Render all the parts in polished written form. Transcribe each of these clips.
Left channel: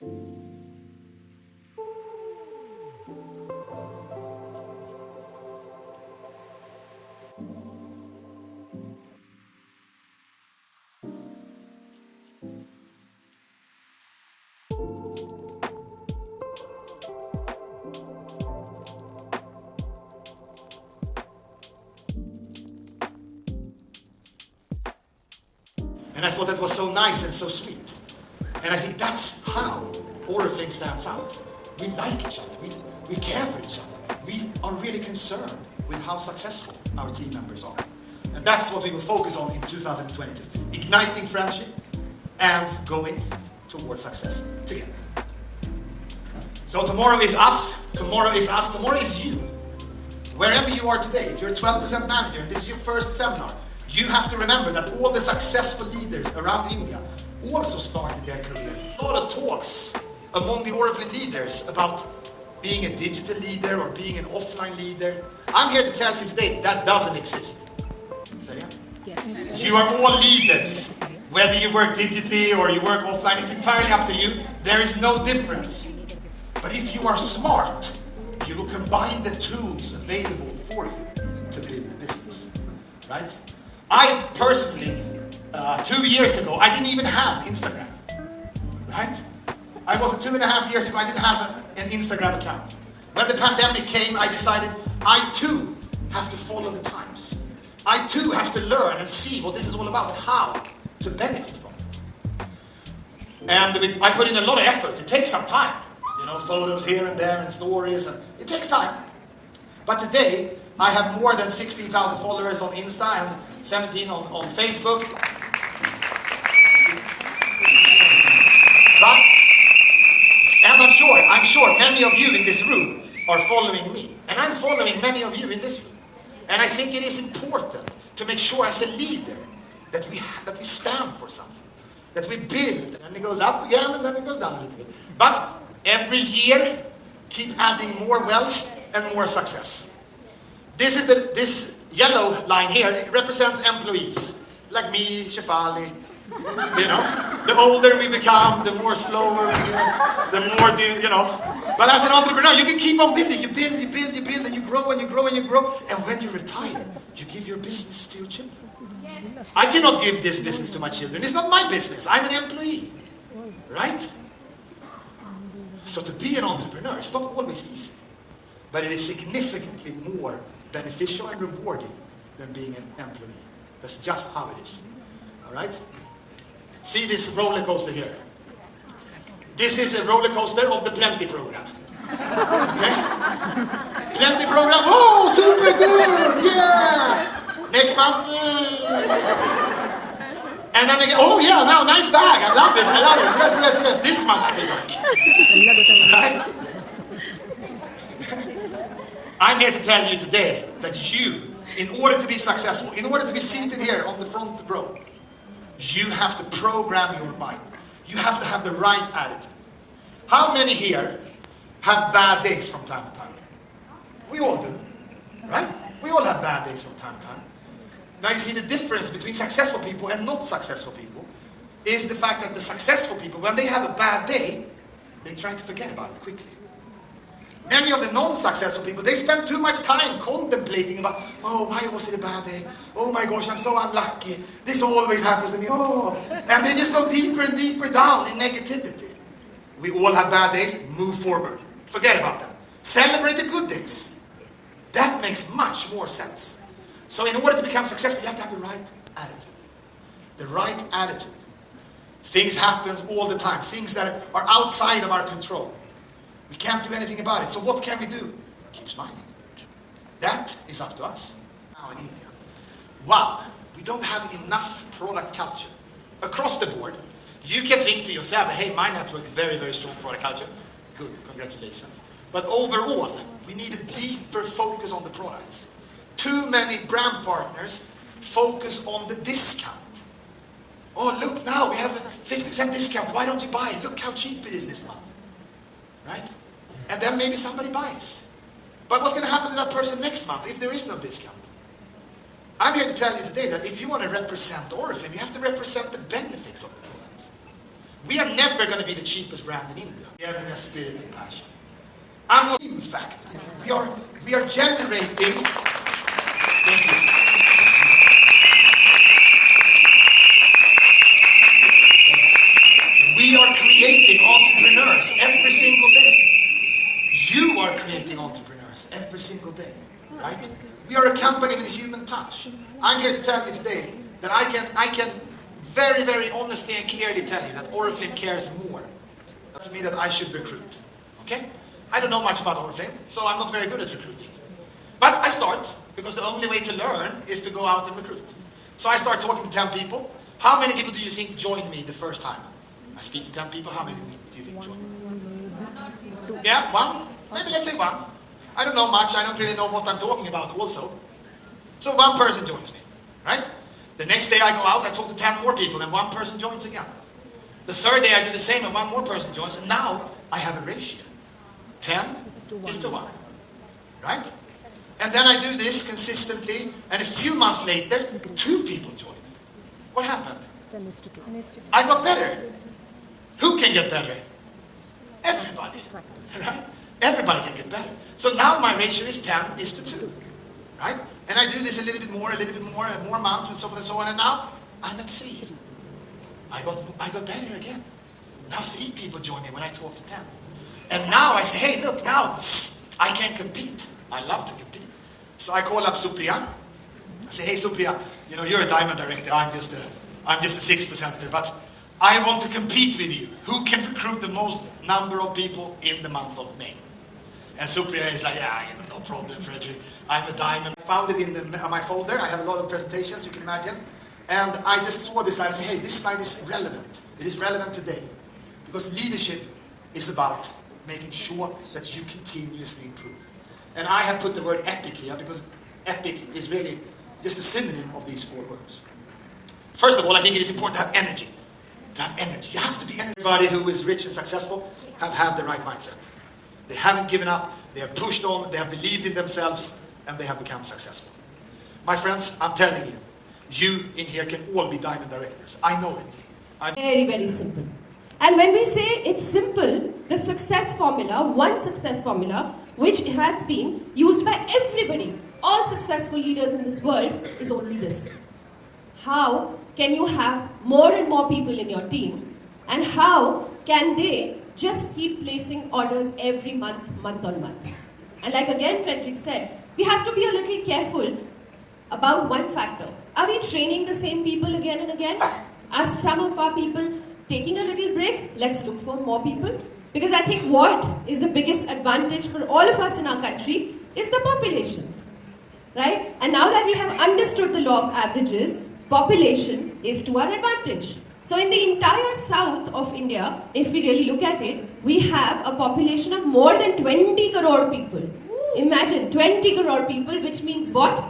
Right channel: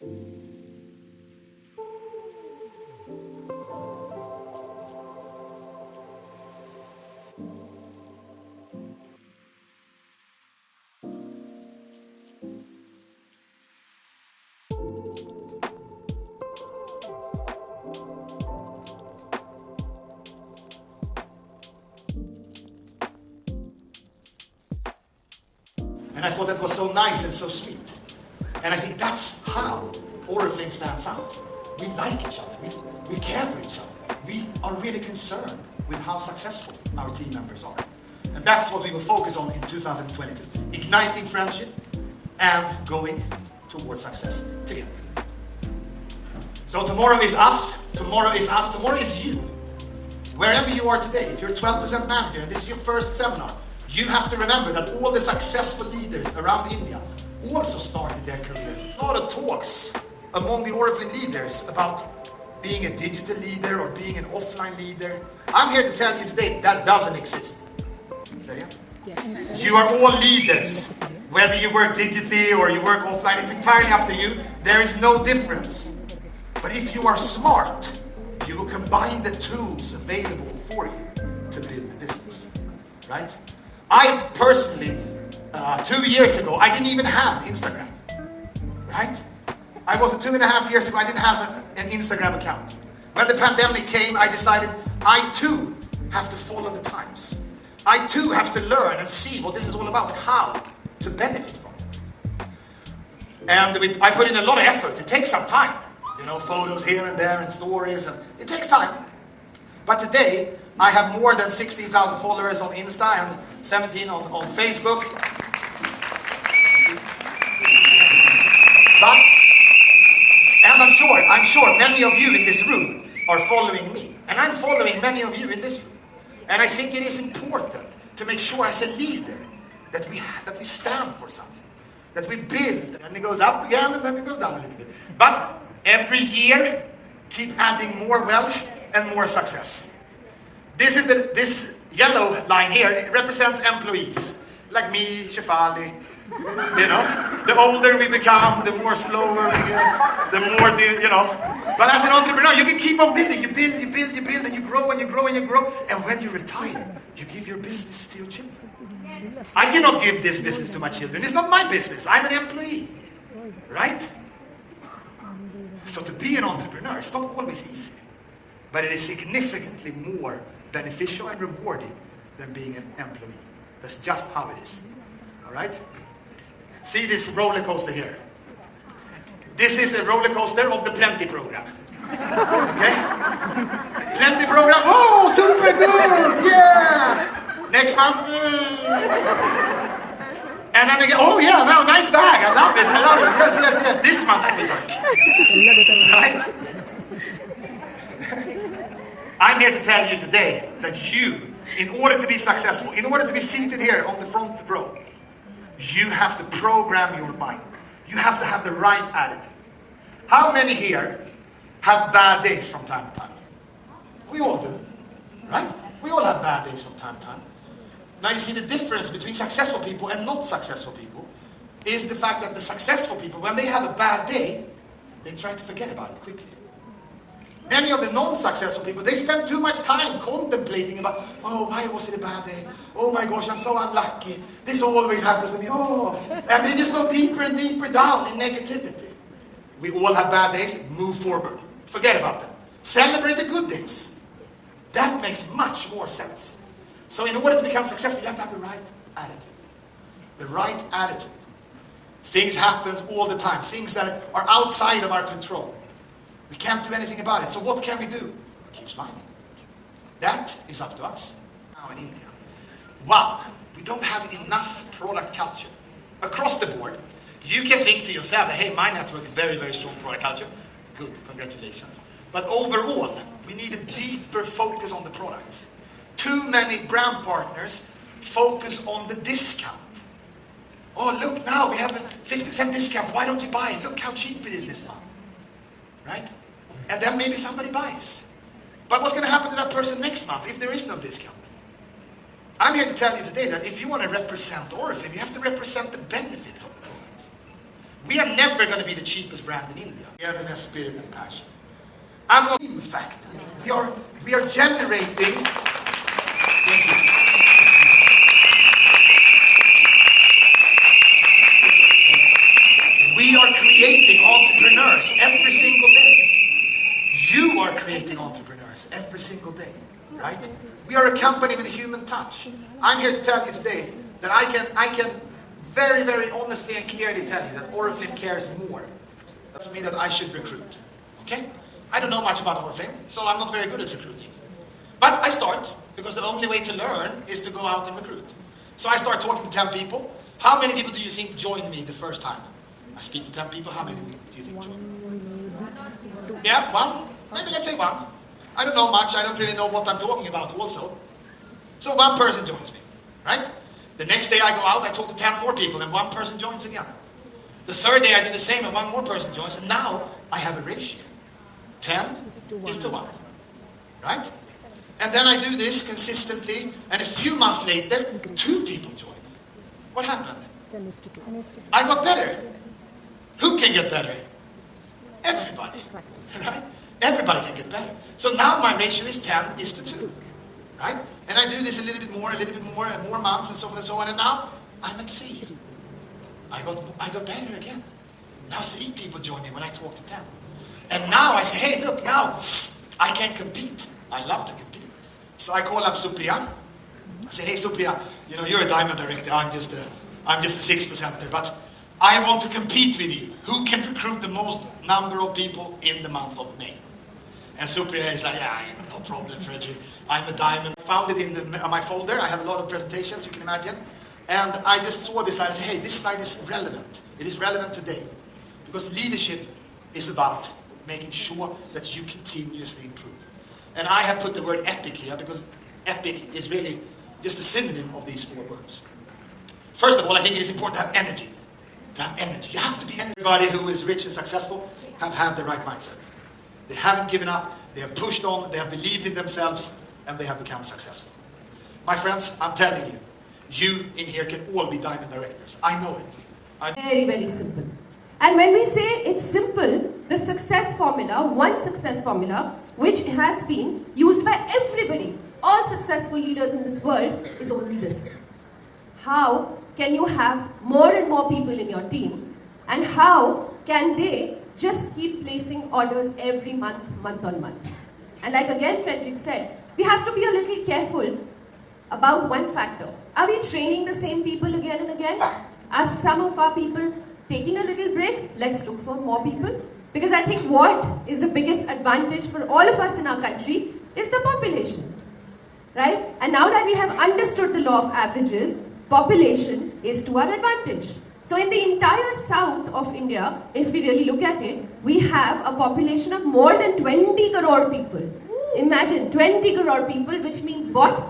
And I thought that was so nice and so sweet. And I think that's how Oriflame stands out. We like each other. We care for each other. We are really concerned with how successful our team members are. And that's what we will focus on in 2022. Igniting friendship and going towards success together. So tomorrow is us. Tomorrow is us. Tomorrow is you. Wherever you are today, if you're a 12% manager and this is your first seminar, you have to remember that all the successful leaders around India also started their career. A lot of talks among the Oriflame leaders about being a digital leader or being an offline leader. I'm here to tell you today that doesn't exist. Say it? Yes. You are all leaders. Whether you work digitally or you work offline, it's entirely up to you. There is no difference. But if you are smart, you will combine the tools available for you to build the business. Right? I personally, 2 years ago, I didn't even have Instagram, right? I was 2.5 years ago, I didn't have an Instagram account. When the pandemic came, I decided I too have to follow the times. I too have to learn and see what this is all about, how to benefit from it. And I put in a lot of effort. It takes some time, photos here and there and stories, and it takes time. But today, I have more than 16,000 followers on Insta and 17 on Facebook. But, and I'm sure many of you in this room are following me. And I'm following many of you in this room. And I think it is important to make sure as a leader that we stand for something. That we build. And it goes up again and then it goes down a little bit. But every year, keep adding more wealth and more success. This yellow line here, it represents employees, like me, Shefali. The older we become, the more slower we get, the more But as an entrepreneur, you can keep on building. You build, and you grow, and you grow, and you grow. And when you retire, you give your business to your children. Yes. I cannot give this business to my children. It's not my business. I'm an employee. Right? So to be an entrepreneur, it's not always easy. But it is significantly more beneficial and rewarding than being an employee. That's just how it is. Alright? See this roller coaster here. This is a roller coaster of the Plenty program. Okay? Plenty program. Oh, super good! Yeah! Next month. And then again, oh yeah, now nice bag. I love it. Yes. This month I can work. Right? I'm here to tell you today that you, in order to be successful, in order to be seated here on the front row, you have to program your mind. You have to have the right attitude. How many here have bad days from time to time? We all do, right? We all have bad days from time to time. Now you see the difference between successful people and not successful people is the fact that the successful people, when they have a bad day, they try to forget about it quickly. Many of the non-successful people, they spend too much time contemplating about, oh, why was it a bad day? Oh my gosh, I'm so unlucky. This always happens to me. Oh, and they just go deeper and deeper down in negativity. We all have bad days. Move forward. Forget about them. Celebrate the good days. That makes much more sense. So in order to become successful, you have to have the right attitude. The right attitude. Things happen all the time. Things that are outside of our control. We can't do anything about it. So what can we do? Keep smiling. That is up to us. Now in India. Wow, we don't have enough product culture. Across the board, you can think to yourself, hey, my network is very, very strong product culture. Good, congratulations. But overall, we need a deeper focus on the products. Too many brand partners focus on the discount. Oh, look now, we have a 50% discount. Why don't you buy it? Look how cheap it is this month. Right? And then maybe somebody buys. But what's going to happen to that person next month if there is no discount? I'm here to tell you today that if you want to represent Oriflame, you have to represent the benefits of the products. We are never never going to be the cheapest brand in India. We have a spirit and passion. I'm not, in fact, we are generating. Thank you. We are creating entrepreneurs every single day. You are creating entrepreneurs every single day, right? We are a company with a human touch. I'm here to tell you today that I can very, very honestly and clearly tell you that Oriflame cares more. Doesn't mean that I should recruit, okay? I don't know much about Oriflame, so I'm not very good at recruiting. But I start, because the only way to learn is to go out and recruit. So I start talking to 10 people. How many people do you think joined me the first time? I speak to 10 people, how many do you think joined me? Yeah, one? Maybe let's say one. I don't know much, I don't really know what I'm talking about also. So one person joins me, right? The next day I go out, I talk to 10 more people, and one person joins again. The third day I do the same, and one more person joins, and now I have a ratio. 10 is to 1, right? And then I do this consistently, and a few months later, 2 people join me. What happened? I got better. Who can get better? Everybody, right? Everybody can get better. So now my ratio is 10 is to 2, right? And I do this a little bit more, more months, and so on and so on, and now I'm at 3. I got better again. Now 3 people join me when I talk to 10. And now I say, hey, look, now I can compete. I love to compete. So I call up Supriya. I say, hey, Supriya, you're a diamond director. I'm just a 6%er, but I want to compete with you. Who can recruit the most number of people in the month of May? And Supriya is like, yeah, no problem, Fredrik. I'm a diamond. I found it in my folder. I have a lot of presentations, you can imagine. And I just saw this slide and said, hey, this slide is relevant. It is relevant today. Because leadership is about making sure that you continuously improve. And I have put the word epic here because epic is really just a synonym of these 4 words. First of all, I think it is important to have energy. To have energy. You have to be energy. Everybody who is rich and successful have had the right mindset. They haven't given up, they have pushed on, they have believed in themselves, and they have become successful. My friends, I'm telling you, you in here can all be diamond directors. I know it. Very, very simple. And when we say it's simple, the success formula, one success formula, which has been used by everybody, all successful leaders in this world, is only this. How can you have more and more people in your team? And how can they just keep placing orders every month on month? And like again Fredrik said, we have to be a little careful about one factor. Are we training the same people again and again? Are some of our people taking a little break? Let's look for more people. Because I think what is the biggest advantage for all of us in our country is the population. Right? And now that we have understood the law of averages, population is to our advantage. So in the entire south of India, if we really look at it, we have a population of more than 20 crore people. Imagine 20 crore people, which means what?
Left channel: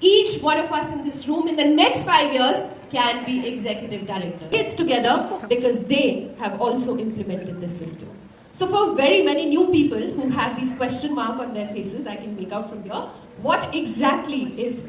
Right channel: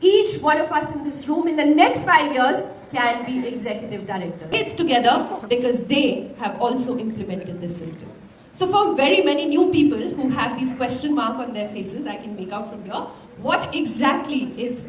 Each one of us in this room in the next 5 years can be executive director. It's together because they have also implemented this system. So for very many new people who have these question mark on their faces, I can make out from here, what exactly is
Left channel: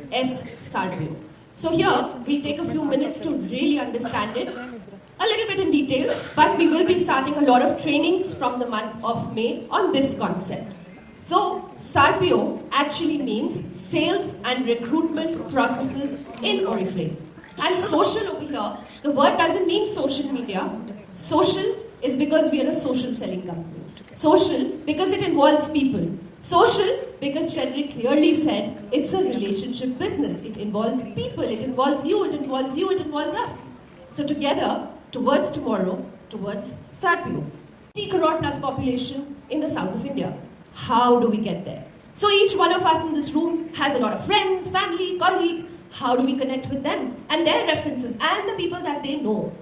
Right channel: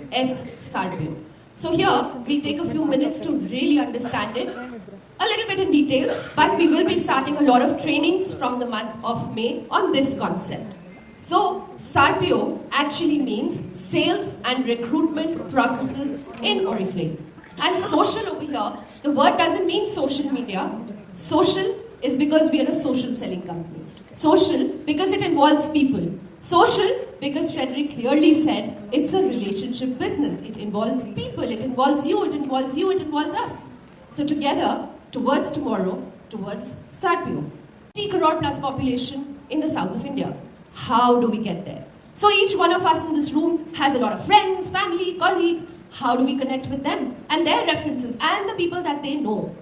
SARPIO? So here, we'll take a few minutes to really understand it a little bit in detail, but we will be starting a lot of trainings from the month of May on this concept. So, SARPIO actually means Sales and Recruitment Processes in Oriflame. And social over here, the word doesn't mean social media. Social is because we are a social selling company. Social because it involves people. Social because Fredrik clearly said it's a relationship business. It involves people, it involves you, it involves you, it involves us. So together, towards tomorrow, towards SARPIO. 30 crore plus population in the south of India. How do we get there? So each one of us in this room has a lot of friends, family, colleagues. How do we connect with them and their references and the people that they know?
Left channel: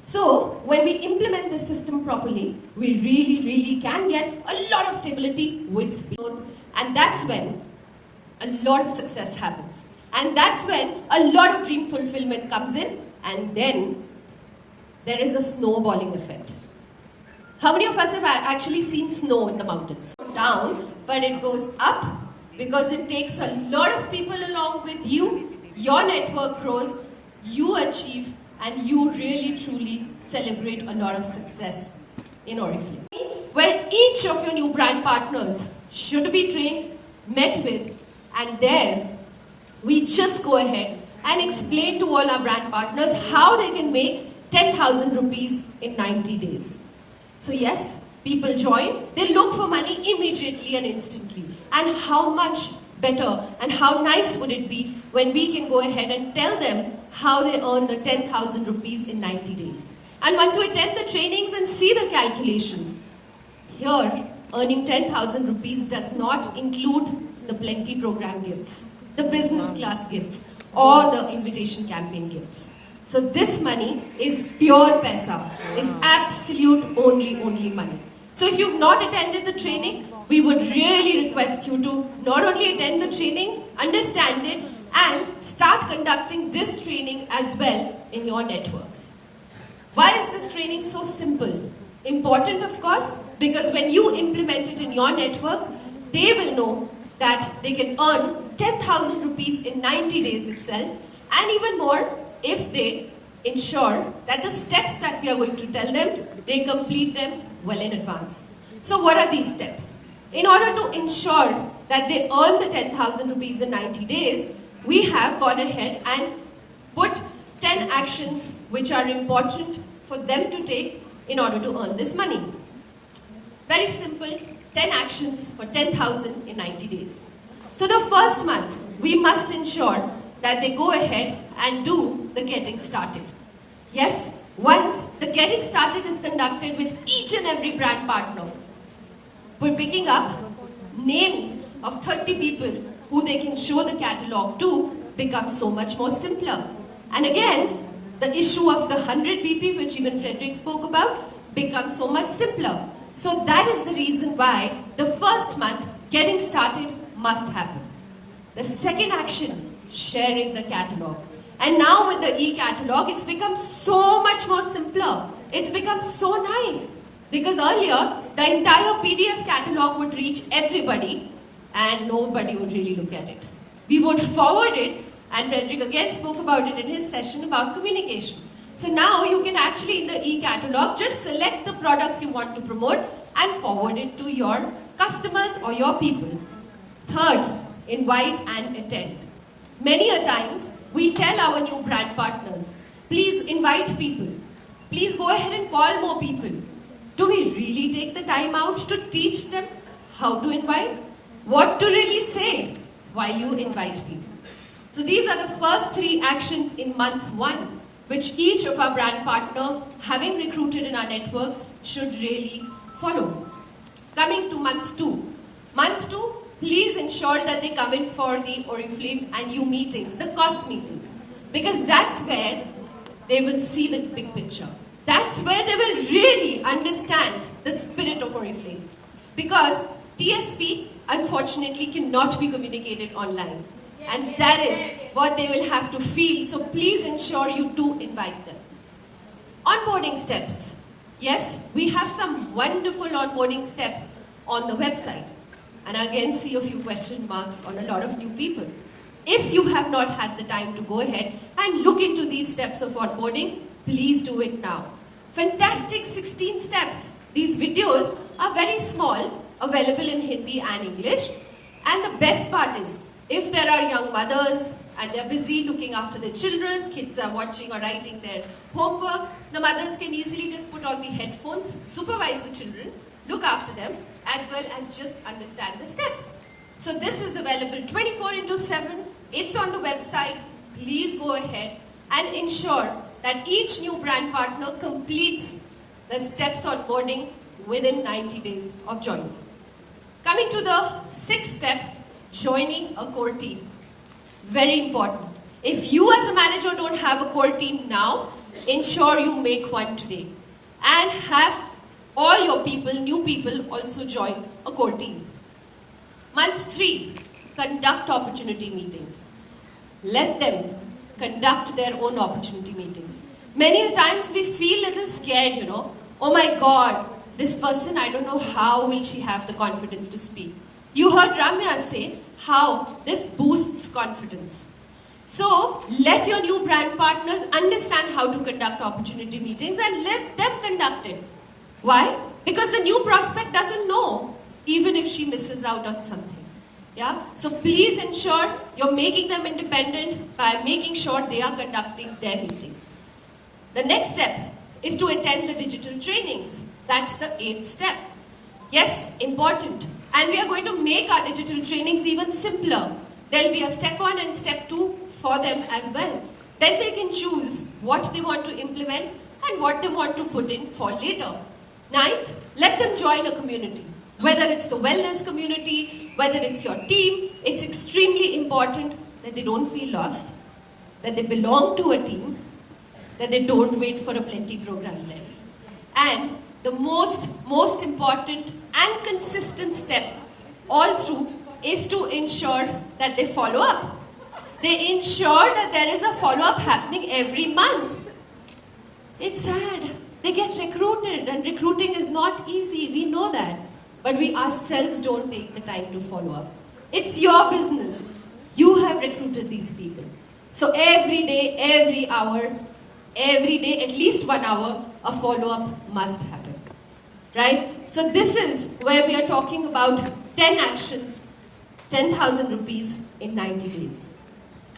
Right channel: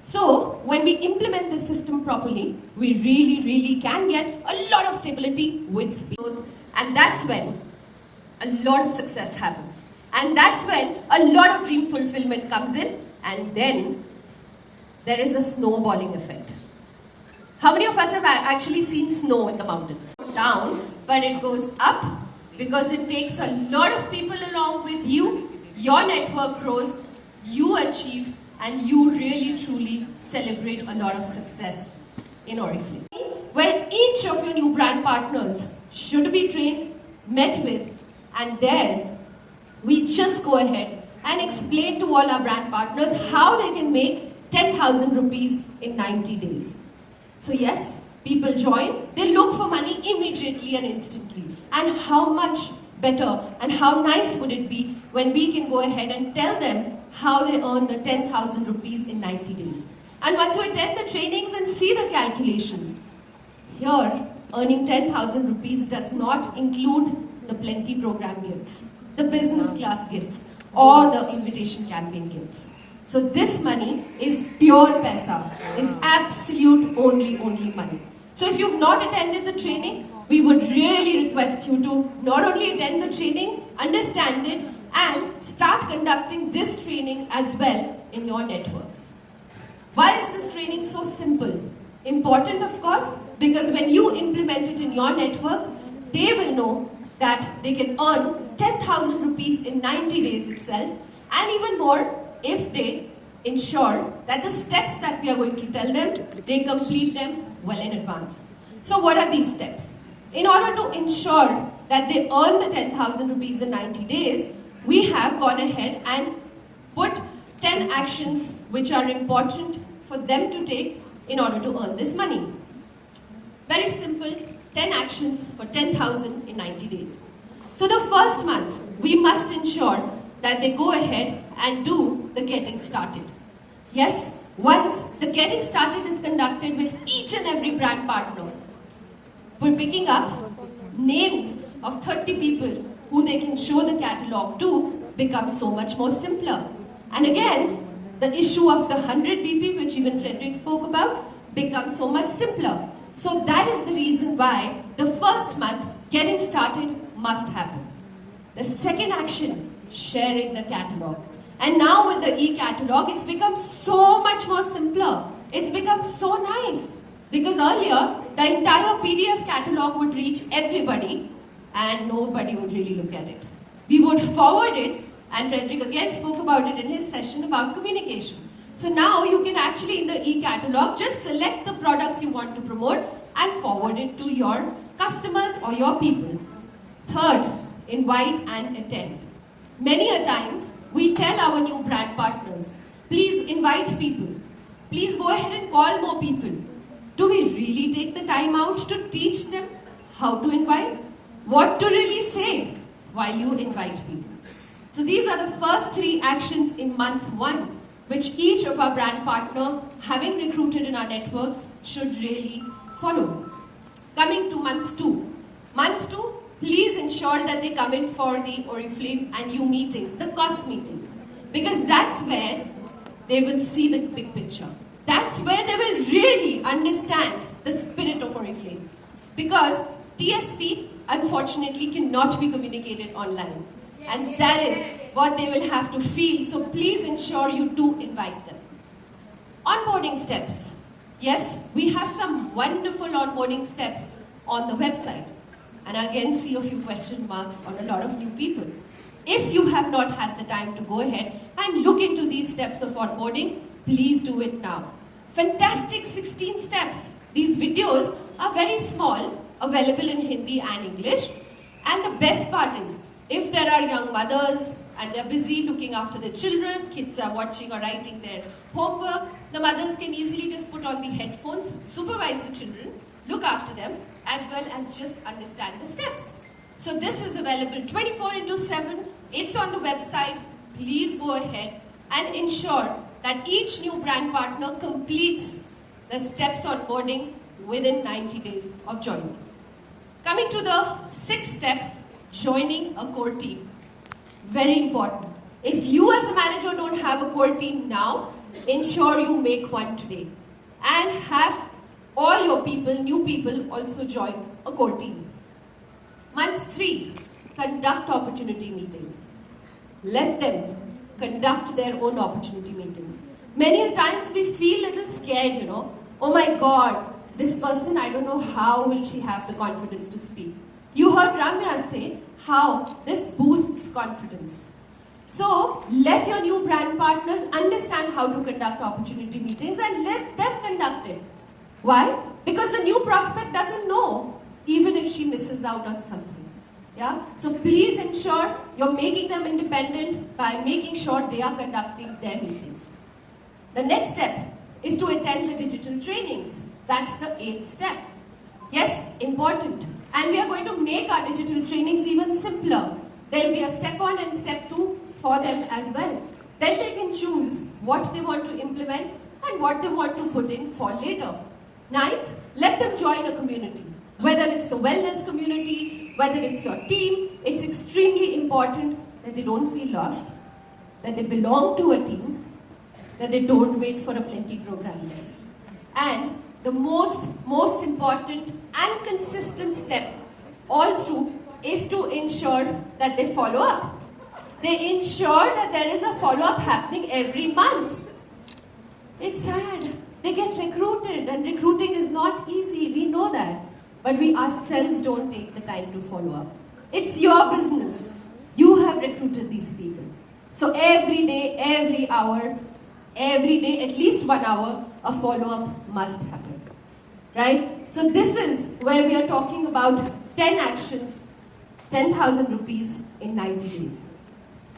So when we implement this system properly, we really can get a lot of stability with speed. And that's when a lot of success happens. And that's when a lot of dream fulfillment comes in, and then there is a snowballing effect. How many of us have actually seen snow in the mountains? Down, but it goes up because it takes a lot of people along with you, your network grows, you achieve, and you really truly celebrate a lot of success in Oriflame. Where each of your new brand partners should be trained, met with, and there we just go ahead and explain to all our brand partners how they can make 10,000 rupees in 90 days. So yes, people join, they look for money immediately and instantly. And how much better and how nice would it be when we can go ahead and tell them how they earn the 10,000 rupees in 90 days. And once you attend the trainings and see the calculations, here earning 10,000 rupees does not include the plenty program gifts, the business class gifts, or the invitation campaign gifts. So this money is pure paisa, is absolute only money. So if you've not attended the training, we would really request you to not only attend the training, understand it, and start conducting this training as well in your networks. Why is this training so simple? Important, of course, because when you implement it in your networks, they will know that they can earn 10,000 rupees in 90 days itself, and even more if they ensure that the steps that we are going to tell them, they complete them well in advance. So what are these steps? In order to ensure that they earn the 10,000 rupees in 90 days, we have gone ahead and put 10 actions which are important for them to take in order to earn this money. Very simple, 10 actions for 10,000 in 90 days. So the first month, we must ensure that they go ahead and do the getting started. Yes, once the getting started is conducted with each and every brand partner, we're picking up names of 30 people who they can show the catalog to becomes so much more simpler. And again, the issue of the 100 BP, which even Frederick spoke about, becomes so much simpler. So that is the reason why the first month getting started must happen. The second action, sharing the catalog. And now with the e-catalog, it's become so much more simpler. It's become so nice. Because earlier, the entire PDF catalog would reach everybody and nobody would really look at it. We would forward it, and Frederick again spoke about it in his session about communication. So now you can actually, in the e-catalog, just select the products you want to promote and forward it to your customers or your people. Third, invite and attend. Many a times, we tell our new brand partners, please invite people. Please go ahead and call more people. Do we really take the time out to teach them how to invite? What to really say while you invite people? So these are the first 3 actions in month 1, which each of our brand partner, having recruited in our networks, should really follow. Coming to month 2. Month 2, please ensure that they come in for the Oriflame and you meetings, the cost meetings. Because that's where they will see the big picture. That's where they will really understand the spirit of Oriflame. Because TSP, unfortunately, cannot be communicated online. And that is what they will have to feel. So please ensure you do invite them. Onboarding steps. Yes, we have some wonderful onboarding steps on the website. And I again see a few question marks on a lot of new people. If you have not had the time to go ahead and look into these steps of onboarding, please do it now. Fantastic 16 steps. These videos are very small, available in Hindi and English. And the best part is, if there are young mothers and they're busy looking after their children, kids are watching or writing their homework, the mothers can easily just put on the headphones, supervise the children, look after them, as well as just understand the steps. So this is available 24/7. It's on the website. Please go ahead and ensure that each new brand partner completes the steps onboarding within 90 days of joining. Coming to the 6th step, joining a core team. Very important. If you as a manager don't have a core team now, ensure you make one today. And have all your people, new people, also join a core team. Month 3, conduct opportunity meetings. Let them conduct their own opportunity meetings. Many a times we feel a little scared, oh my God, this person, I don't know how will she have the confidence to speak. You heard Ramya say how this boosts confidence. So let your new brand partners understand how to conduct opportunity meetings and let them conduct it. Why? Because the new prospect doesn't know, even if she misses out on something. Yeah? So please ensure you're making them independent by making sure they are conducting their meetings. The next step is to attend the digital trainings. That's the 8th step. Yes, important. And we are going to make our digital trainings even simpler. There'll be a step 1 and step 2 for them as well. Then they can choose what they want to implement and what they want to put in for later. 9th, let them join a community. Whether it's the wellness community, whether it's your team, it's extremely important that they don't feel lost, that they belong to a team, that they don't wait for a plenty program there. And the most important and consistent step all through is to ensure that they follow up. They ensure that there is a follow-up happening every month. It's sad. They get recruited, and recruiting is not easy, we know that. But we ourselves don't take the time to follow up. It's your business. You have recruited these people. So every day, every hour, every day, at least 1 hour, a follow-up must happen. Right? So this is where we are talking about 10 actions, 10,000 rupees in 90 days.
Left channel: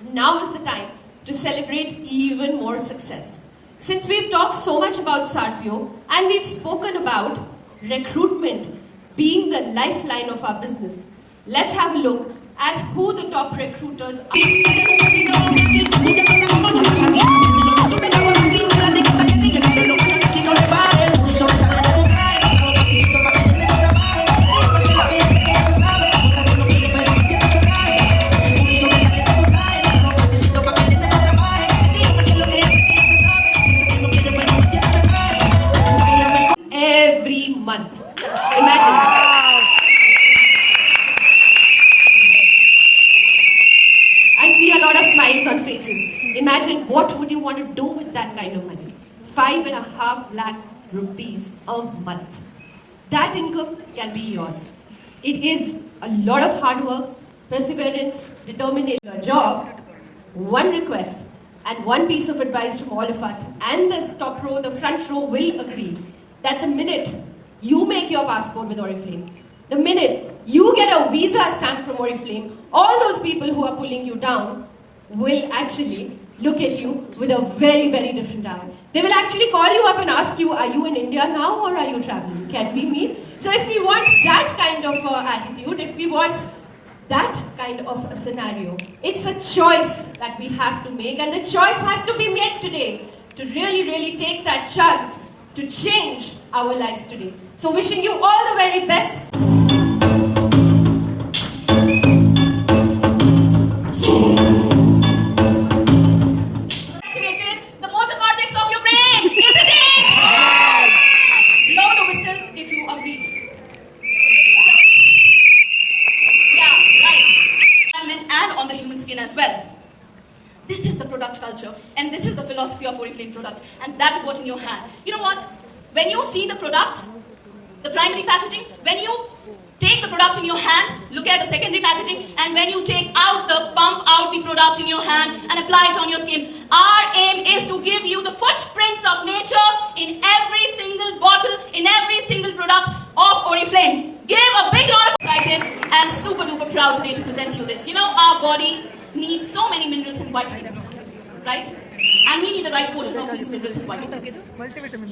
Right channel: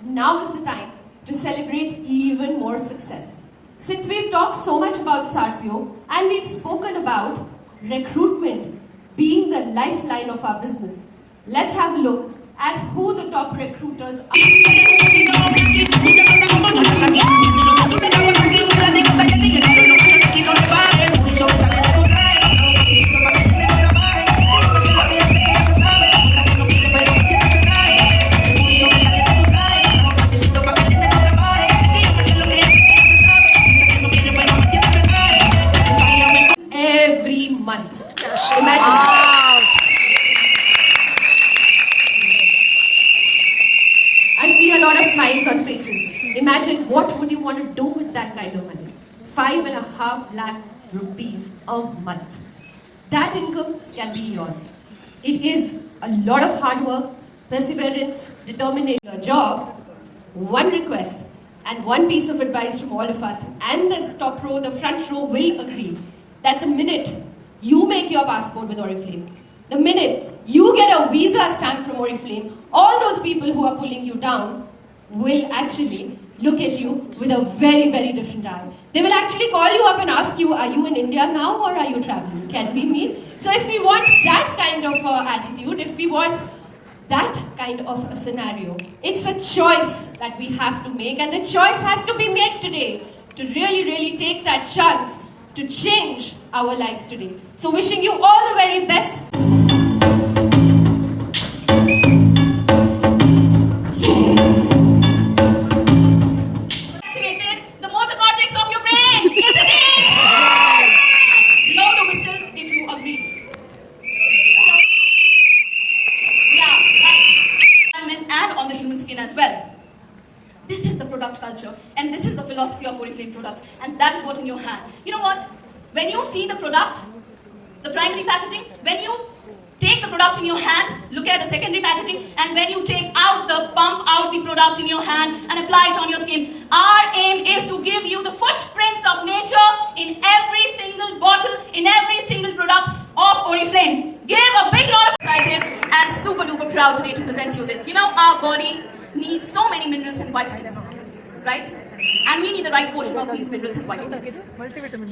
Now is the time to celebrate even more success. Since we've talked so much about Sarpio and we've spoken about recruitment being the lifeline of our business, let's have a look at who the top recruiters are. Every month. Imagine. I see a lot of smiles on faces. Imagine what would you want to do with that kind of money? 5.5 lakh rupees a month. That income can be yours. It is a lot of hard work, perseverance, determination, a job. One request and one piece of advice from all of us, and the top row, the front row will agree that the minute you make your passport with Oriflame, the minute you get a visa stamp from Oriflame, all those people who are pulling you down will actually look at you with a very, very different eye. They will actually call you up and ask you, are you in India now or are you traveling? Can we meet? So if we want that kind of attitude, if we want that kind of a scenario, it's a choice that we have to make, and the choice has to be made today to really, really take that chance to change our lives today. So wishing you all the very best. Activated the motor cortex of your brain, isn't it? Blow the whistles if you agree. Yeah, right. And on the human skin as well. This is the product culture, and this is the philosophy of Oriflame products, and that is what in your hand. You know what? When you see the product, the primary packaging, when you take the product in your hand, look at the secondary packaging, and when you take out pump out the product in your hand and apply it on your skin, our aim is to give you the footprints of nature in every single bottle, in every single product of Oriflame. Give a big round of excited and super duper proud today to present you this. You know, our body needs so many minerals and vitamins, right? And we need the right portion of these minerals and vitamins.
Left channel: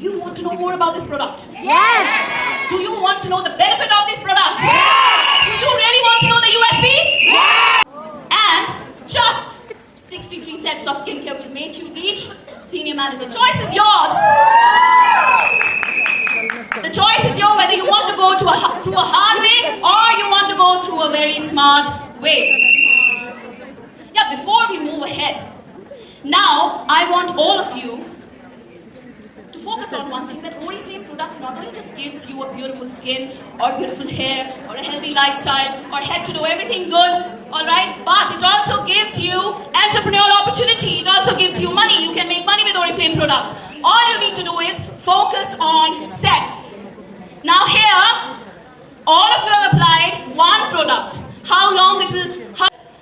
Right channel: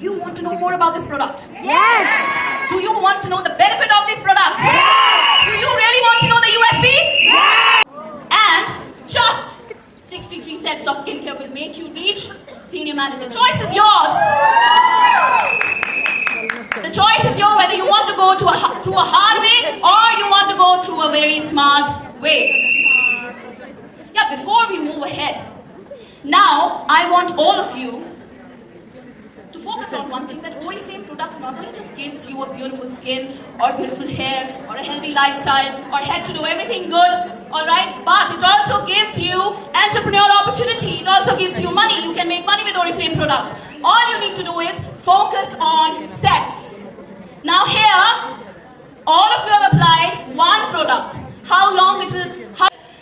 You want to know more about this product? Yes! Do you want to know the benefit of this product? Yes! Do you really want to know the USP? Yes! And just 63 sets of skincare will make you reach senior manager. The choice is yours. The choice is yours whether you want to go through a hard way or you want to go through a very smart way. Yeah, before we move ahead, now I want all of you to focus on one thing, that Oriflame products not only just gives you a beautiful skin or beautiful hair or a healthy lifestyle or head to do everything good, alright, but it also gives you entrepreneurial opportunity. It also gives you money. You can make money with Oriflame products. All you need to do is focus on sets. Now here, all of you have applied one product. How long it will...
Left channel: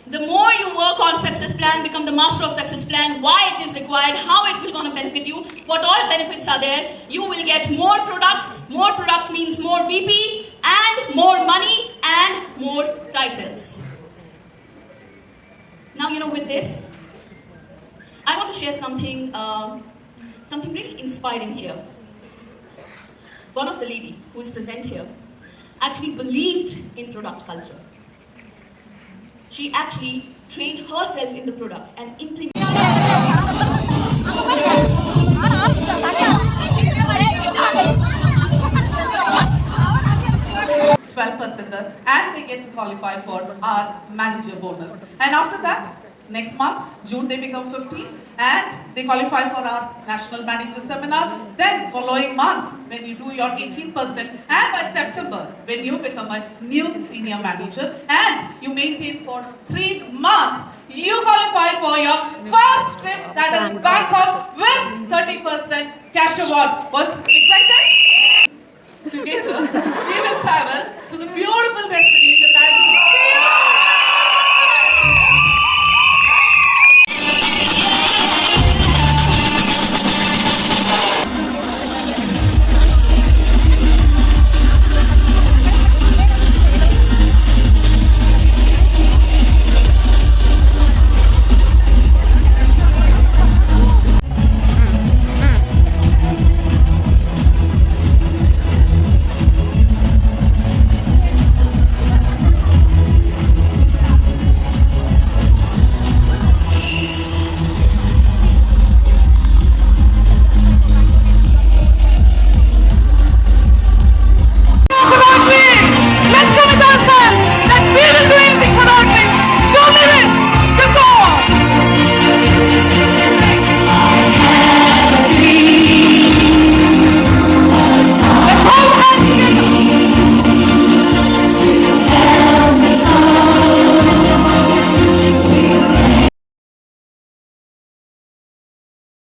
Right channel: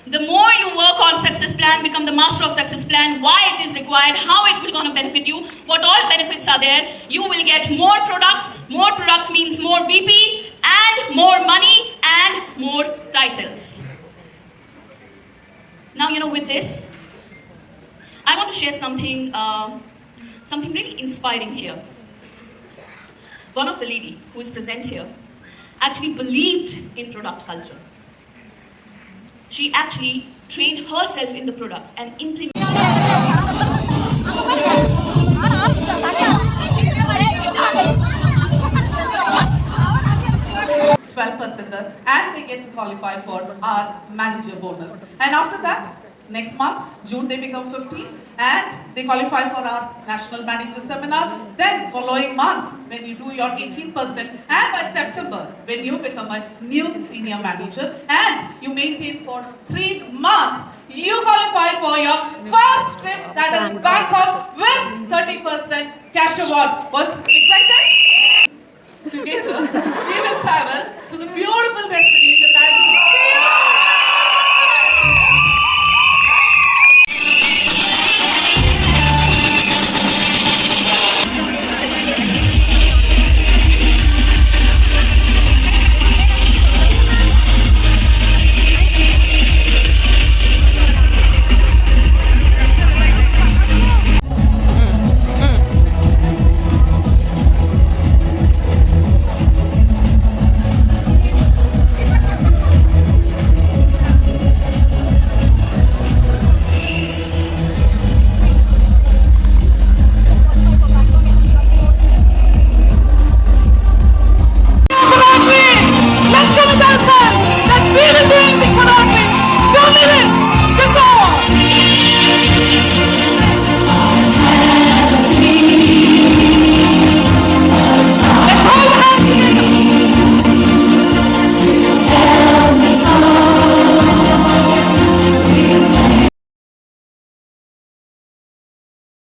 The more you work on success plan, become the master of success plan, why it is required, how it will gonna benefit you, what all benefits are there. You will get more products. More products means more BP and more money and more titles. Now, with this, I want to share something really inspiring here. One of the lady who is present here actually believed in product culture. She actually trained herself in the products and implemented. 12% and they get to qualify for our manager bonus. And after that, next month, June, they become 15 and they qualify for our national manager seminar. Then following months, when you do your 18%, and by September, when you become a new senior manager and you maintain for 3 months, you qualify for your first trip, that is Bangkok, with 30% cash award. What's excited? Together, we will travel